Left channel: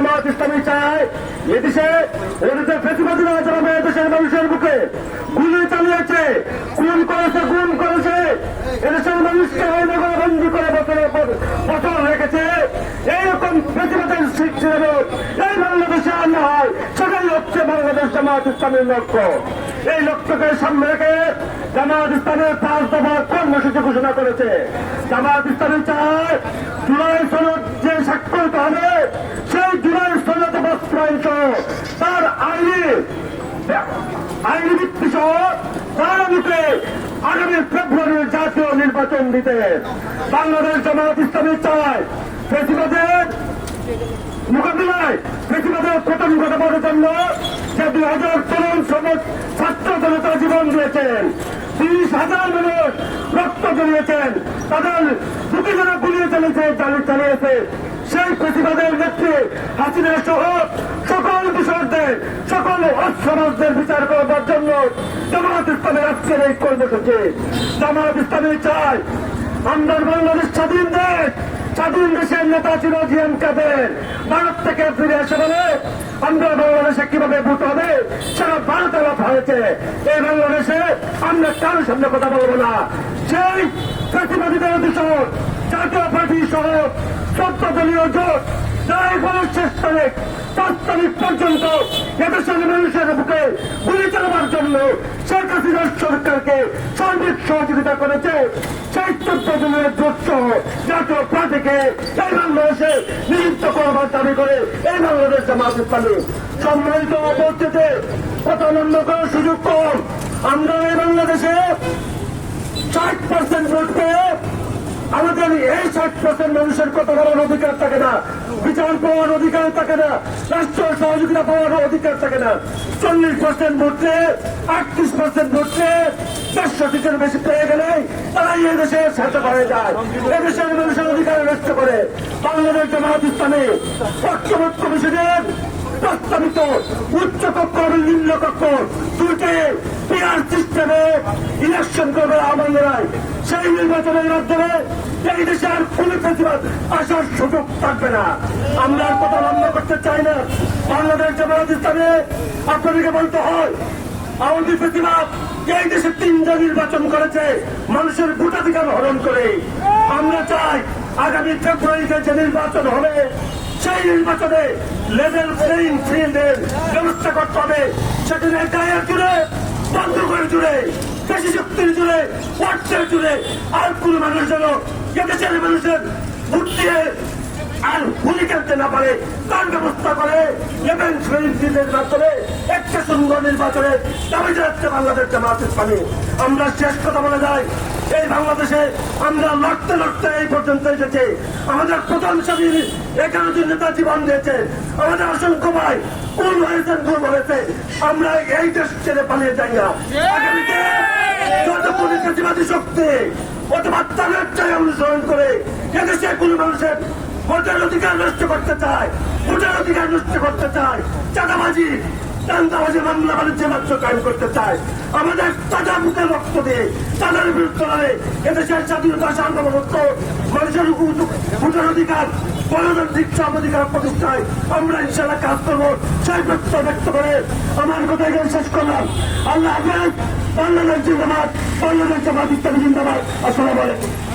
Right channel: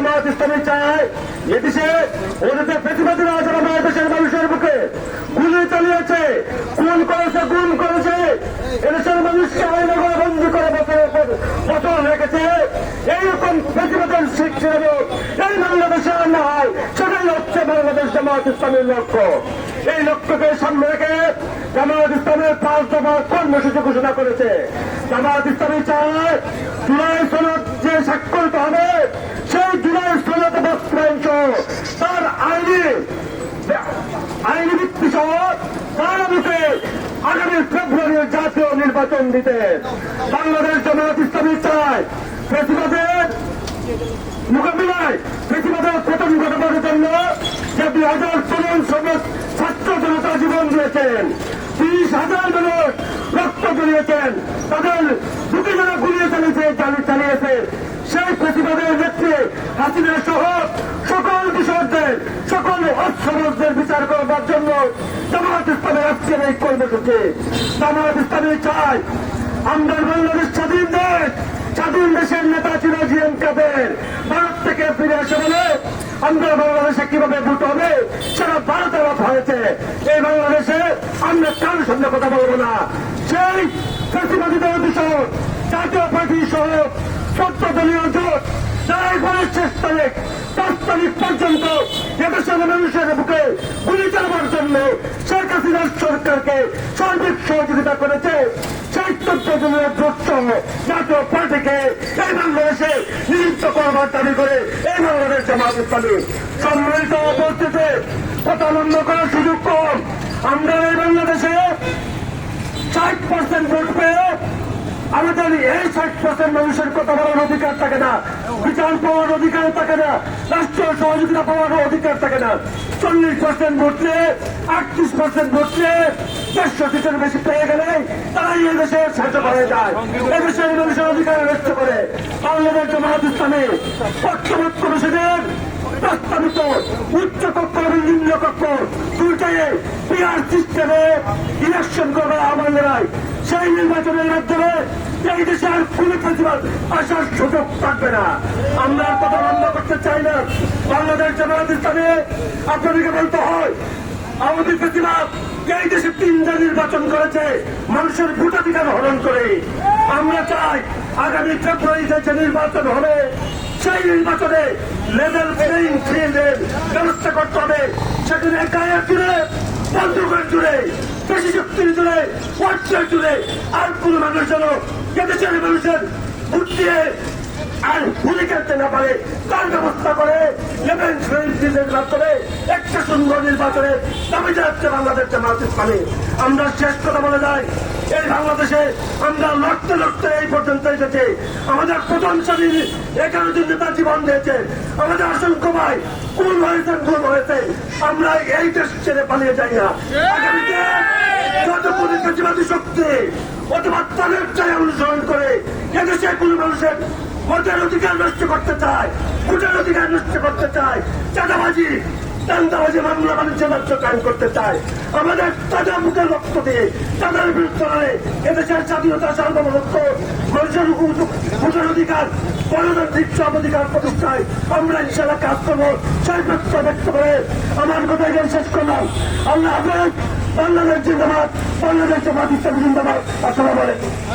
জামাত ইসলামী চায় এদেশে ওদের প্রতিবাদীরা যারা দেশের মানুষের বুকে গুলি চালিয়েছে, খুন করেছে, গুম করেছে, এদেশের মানুষকে বন্দী করে বছর রেখেছে, এইরকম প্রতিবাদের সৃষ্টি হবে এই বাংলাদেশে আর না হয়, সেটাই হচ্ছে বাংলাদেশ জামাত ইসলামের লক্ষ্য। এই লক্ষ্যকে সামনে রেখে জামাত ইসলামের 5 দফা কর্মসূচি ঘোষণা করেছে। জামাত ইসলামী চায় জুলাই সনদ যে স্বাক্ষরিত হবে সেই জুলাই সনদ বাস্তবায়ন সহ তার আইনি ভিত্তি সহ আগামীতে আগামী ফেব্রুয়ারির জাতীয় নির্বাচন দিতে বাংলাদেশ জামাত ইসলামী চায় ফেসিবাদের মোকাবিলায় ফেসিবাদের প্রথম ঘটাবার জন্য যে 2000 তরুণ ছাত্র জনতা জীবন দিয়েছেন, 30,000 মানুষ রক্ত জড়িয়েছেন, তাদের দুটি জনে গুলিয়ে চালিয়েছে, সেই প্রতিবাদের নেত্রী হাসিনা সহ সকল কিশোরদের সকল অসমাজদের বিচার করবার জন্য জামাত ইসলামের আজকের এই কর্মসূচি। জামাত ইসলামী চায় আমরা বাংলাদেশ স্বাধীন দেশ, স্বাধীন দেশের নেতা ছিল জিএম কাদের, ভারত থেকে ফিরে এসে বলে আমরা বাংলাদেশে কিভাবে ভোট হবে সারা ভারত আলাপ হয়েছে, এই বাংলাদেশে আমরা কারোর সঙ্গে কথা বলবো না। সেই প্রতিবাদীদের অভিযোগ জাতীয় পার্টি সহ 14 দলীয় জোট তাই শেষ তারিখ 5 তারিখ পর্যন্ত এদেশের মানুষের বুকে গুলি চালাবার জন্য শেখ হাসিনার সরকারকে সার্বিক সহযোগিতা করেছে। সেই 14 দলীয় জোট সহ জাতীয় পার্টিকে এই বাংলাদেশে নিযুক্ত করবার দাবি করে এই বাংলাদেশ জামাত ইসলামী সম্মিলিত উপস্থিতি কথা লম্বা করার সুযোগ কম। আমরা এই বাংলাদেশে 60% ভোট পেয়ে আমাদের এই 60% মানুষের কথা বলার অধিকার থাকে না, বিচার পাওয়ার অধিকার থাকে না, রাষ্ট্রীয় সহযোগিতা পাওয়ার অধিকার থাকে না। 40% ভোটে 38% ভোটে 100 সিটের বেশি পেয়ে গেলে তারাই এই দেশে শাসক হয়ে যায়, এদেশের মানুষের অধিকার নষ্ট করে। বাংলাদেশ জামাত ইসলামী পক্ষভুক্ত কমিশনের প্রস্তাবিত উচ্চ কক্ষ এবং নিম্ন কক্ষ দুইটাই পিআর সিস্টেমে ইলেকশন করবে আমাদের সেই নির্বাচনের মাধ্যমে এই দেশে আর কোন প্রতিবাদ আসার সুযোগ থাকবে না। আমরা কথা বন্ধ করতে চাই না। বাংলাদেশ জামাত ইসলামী আপনাদেরকে বলতে হয় আওয়ামী প্রতিবাদ এই দেশে 3টা নির্বাচন করেছে মানুষের ভোটাধিকার হরণ করে। আমরা চাই আগামী ফেব্রুয়ারিতে যে নির্বাচন হবে সেই নির্বাচনে লেভেল প্লেইং ফিল্ডের ব্যবস্থা করতে হবে। সেটি গায়ের জুড়ে, বন্ধুগণ জুড়ে, কৃষি শক্তির জুড়ে, ওয়ার্ডের জুড়ে আর কোন মানুষ যেন এদেশের মানুষের ভোট দিয়ে আর গুলি খেলতে না পারে তার ব্যবস্থা করে লেভেল প্লেইং ফিল্ডের মাধ্যমে একটা সুন্দর নির্বাচনের দাবি যাচ্ছে বাংলাদেশ জামাত ইসলামী। আমরা শেষ কথা বলে যাই, এই বাংলাদেশে আমরা লড়তে লড়তে এই পর্যন্ত এসেছি। আমাদের প্রধান স্বামী এখানে যে নেতা জীবন দিয়েছে, আমাদের অসংখ্য ভাই কোন হয়েছেন, ভুল হয়েছে, আমরা এই দেশ ছেড়ে পালিয়ে যাই না। আগামীতে যতগুলি প্রতিবাদী শক্তি অথবা তাদের চাই অনুসরণ করে এদেশে কোন মানুষের ভোটের অধিকার নষ্ট করতে চায়, ভোটের অধিকার নষ্ট করতে চায়, চাঁদাবাজি চাঁদাবাজি মামলা বাণিজ্য মাত্র কায়েম করতে চায়, আমাদের তাজা মুখের রক্ত দিয়ে তাদের বিরুদ্ধে হলে এদেশের স্বাধীনতা সার্বভৌমত্ব মানুষের ভোটের অধিকার গণতান্ত্রিক অধিকার প্রতিষ্ঠায় আমরা ইনশাআল্লাহ কাজ করবো। সেই প্রত্যয় ব্যক্ত করে আমার কথা শেষ করলাম। আল্লাহ হাফেজ। বাংলাদেশ জিন্দাবাদ, বাংলাদেশ জামাত ইসলামী জিন্দাবাদ। আসসালামু আলাইকুম।